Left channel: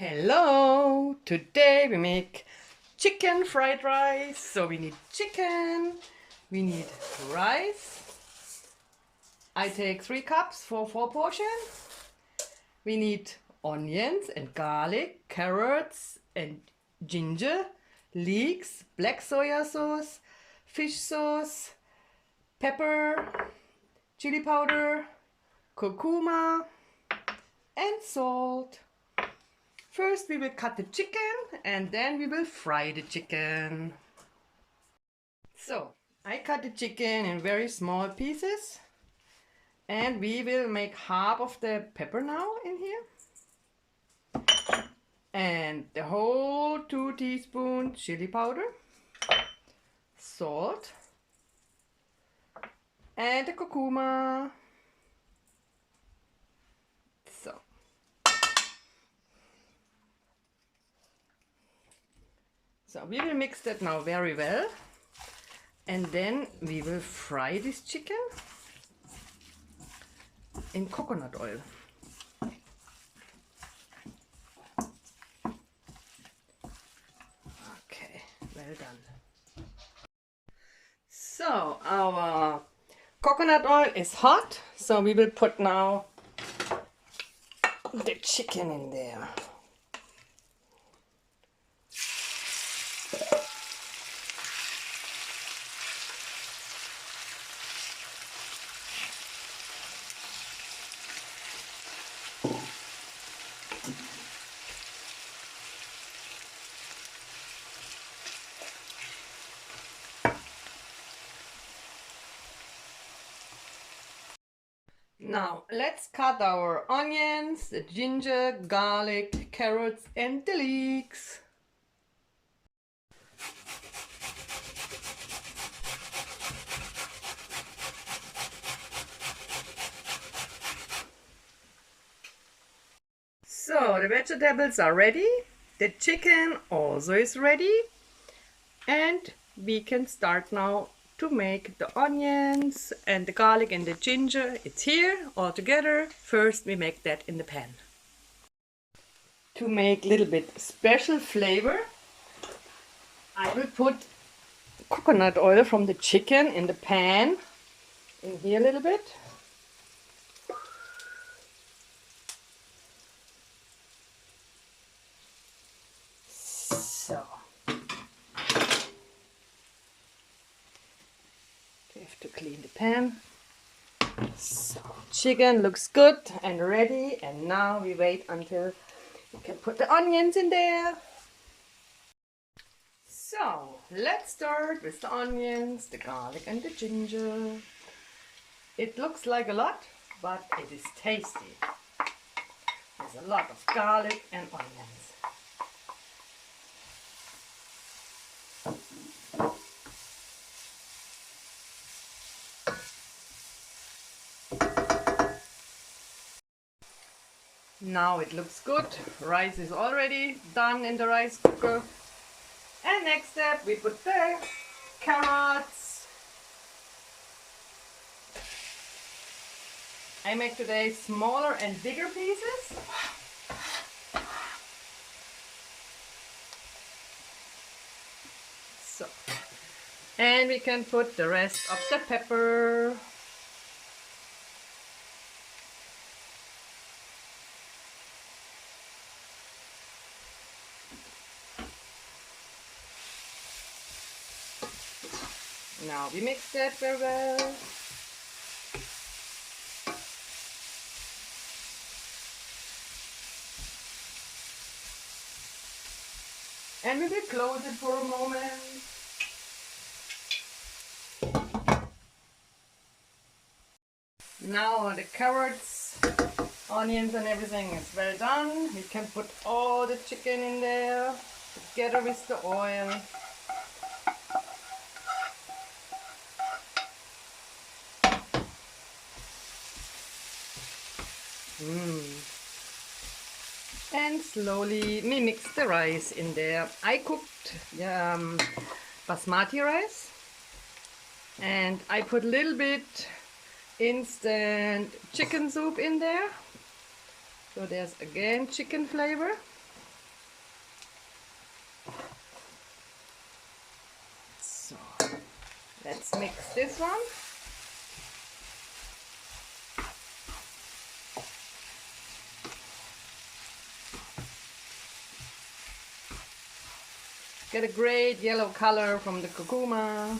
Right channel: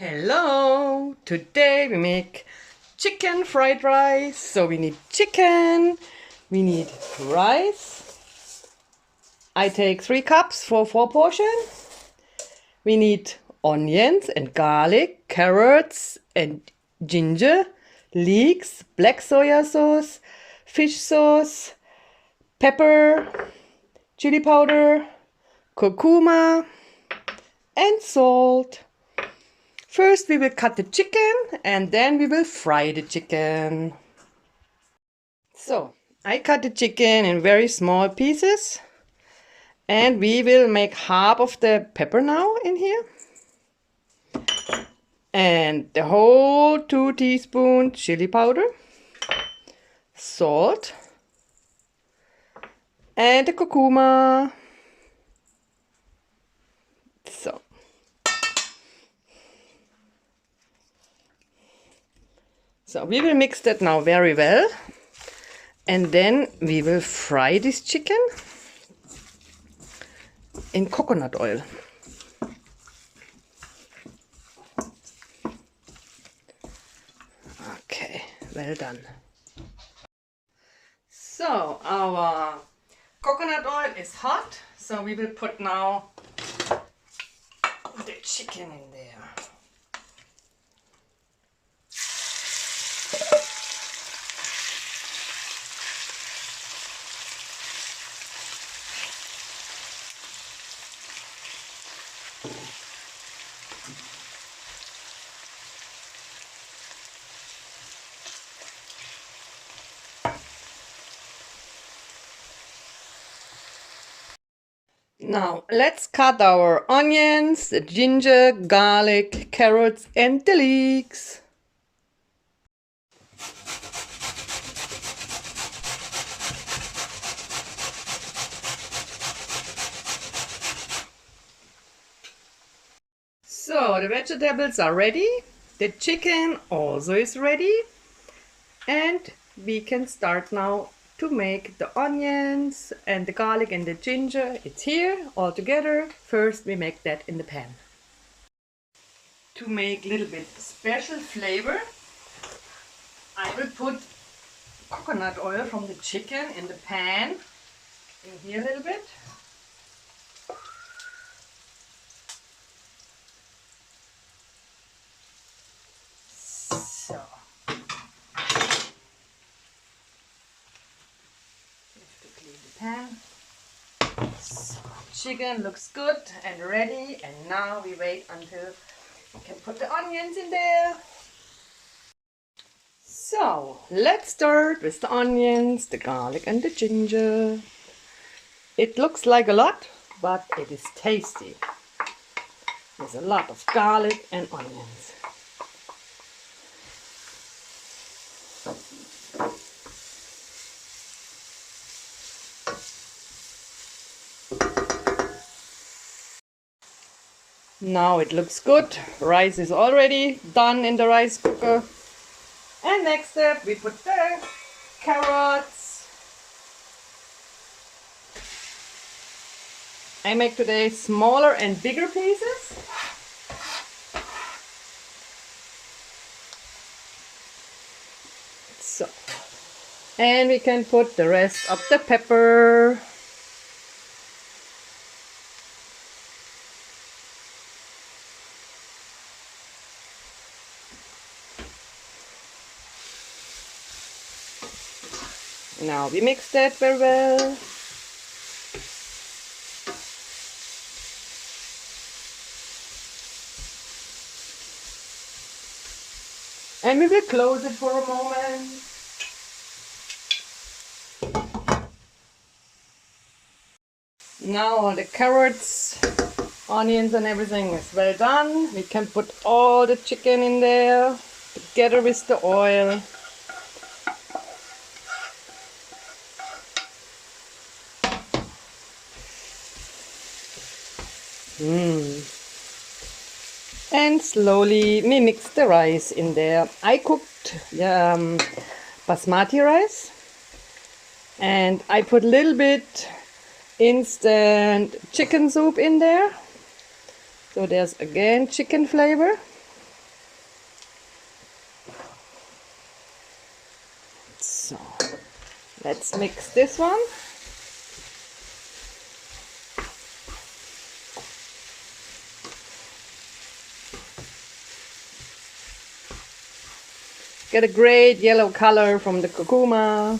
Hello! Today we make chicken fried rice. So we need chicken, we need rice. I take 3 cups for 4 portions. We need onions and garlic, carrots and ginger, leeks, black soya sauce, fish sauce, pepper, chili powder, curcuma and salt. First we will cut the chicken and then we will fry the chicken. So I cut the chicken in very small pieces and we will make half of the pepper now in here. And the whole 2 teaspoons chili powder, salt and the curcuma. So we will mix that now very well and then we will fry this chicken in coconut oil. Okay, well done. So our coconut oil is hot, so we will put now the chicken in there. Now let's cut our onions, the ginger, garlic, carrots and the leeks. So the vegetables are ready, the chicken also is ready, and we can start now to make the onions and the garlic and the ginger. It's here all together. First we make that in the pan. To make a little bit special flavor, I will put coconut oil from the chicken in the pan, in here a little bit. So to clean the pan. So, chicken looks good and ready, and now we wait until we can put the onions in there. So let's start with the onions, the garlic and the ginger. It looks like a lot, but it is tasty. There's a lot of garlic and onions. Now it looks good. Rice is already done in the rice cooker. And next step, we put the carrots. I make today smaller and bigger pieces. So, and we can put the rest of the pepper. Now we mix that very well. And we will close it for a moment. Now all the carrots, onions and everything is well done. We can put all the chicken in there together with the oil. And slowly we mix the rice in there. I cooked basmati rice and I put a little bit instant chicken soup in there. So there's again chicken flavor. So let's mix this one. Get a great yellow color from the curcuma.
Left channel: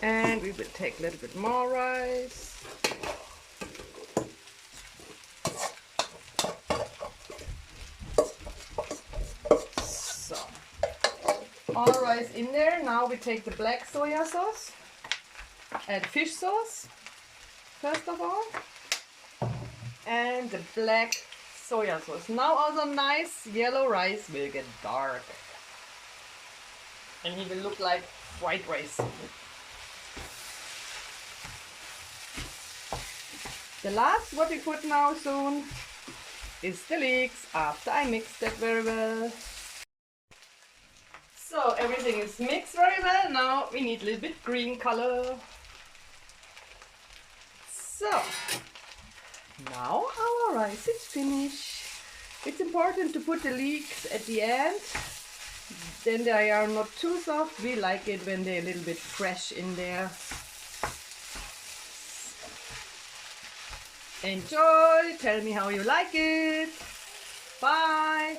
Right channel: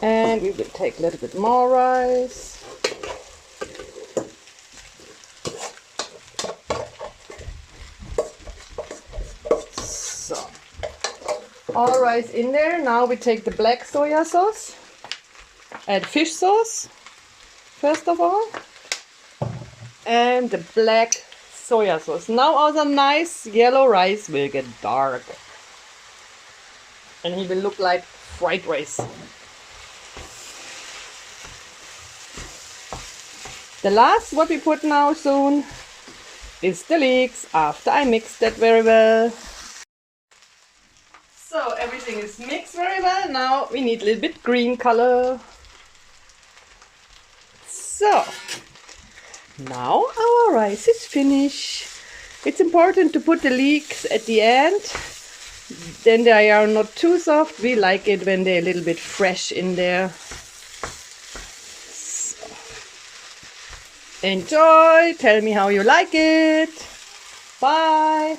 And we will take a little bit more rice. So, all rice in there. Now we take the black soya sauce. Add fish sauce, first of all. And the black soya sauce. Now all the nice yellow rice will get dark. And he will look like fried rice. The last what we put now soon is the leeks after I mixed that very well. So everything is mixed very well. Now we need a little bit green color. So now our rice is finished. It's important to put the leeks at the end. Then they are not too soft. We like it when they're a little bit fresh in there. Enjoy, tell me how you like it. Bye.